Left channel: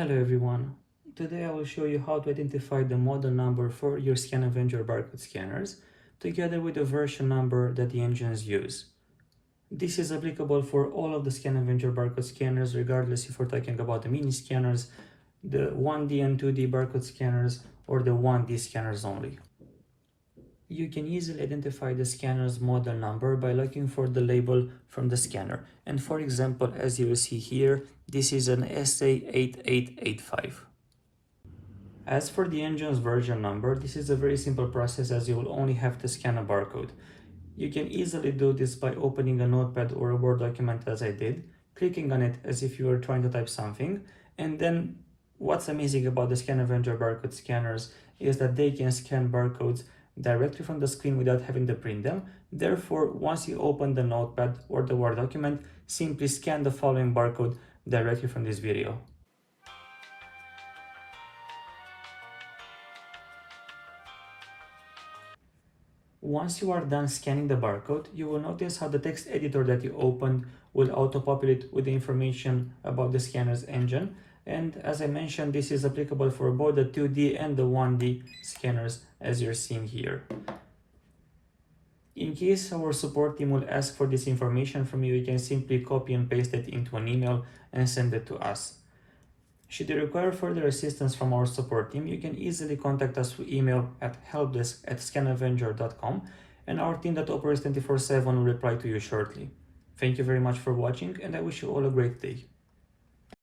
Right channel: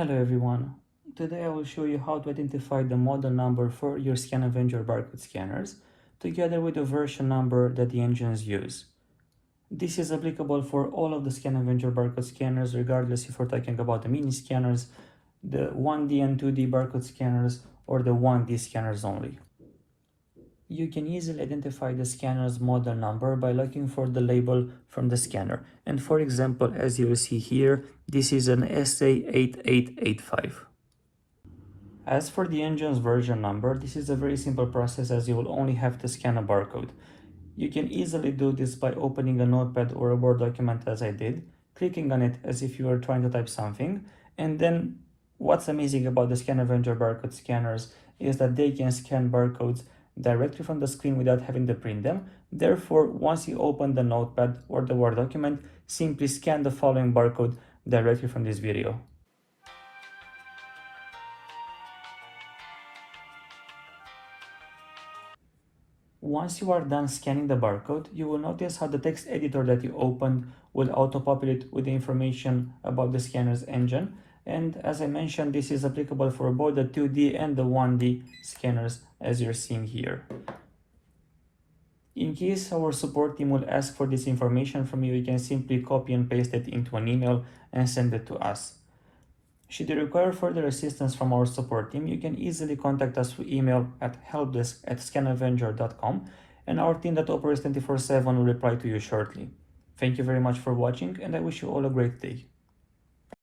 Hello everyone. Today I will show you how to identify the model number for your ScanAvenger barcode scanners, together with the version number that the engines use. This is applicable for all of the ScanAvenger barcode scanners, regardless if we're talking about the mini scanners, the 1D and 2D barcode scanners, or the 1D scanners only. You can easily identify the scanner's model number by looking for the label from the scanner. And for example, as you will see here, this is an SA8885. As for the engine's version number, this is a very simple process as you will only have to scan a barcode. You can easily do this by opening a notepad or a Word document as I did, clicking on it as if you were trying to type something, and then what's amazing about the ScanAvenger barcode scanners is that they can scan barcodes directly from the screen without having to print them. Therefore, once you open the notepad or the Word document, simply scan the following barcode directly from this video. Once you are done scanning the barcode, you will notice how the text editor that you opened will auto-populate with the information about the scanner's engine. And as I mentioned, this is applicable for both the 2D and the 1D scanners as you're seeing here. In case our support team will ask for this information from you, you can simply copy and paste it into an email and send it to us. Should you require further assistance from our support team, you can easily contact us through email at helpdesk@scanavenger.com, and our team that operates 24/7 will reply to you shortly. Thank you very much for watching, and I wish you all a great day.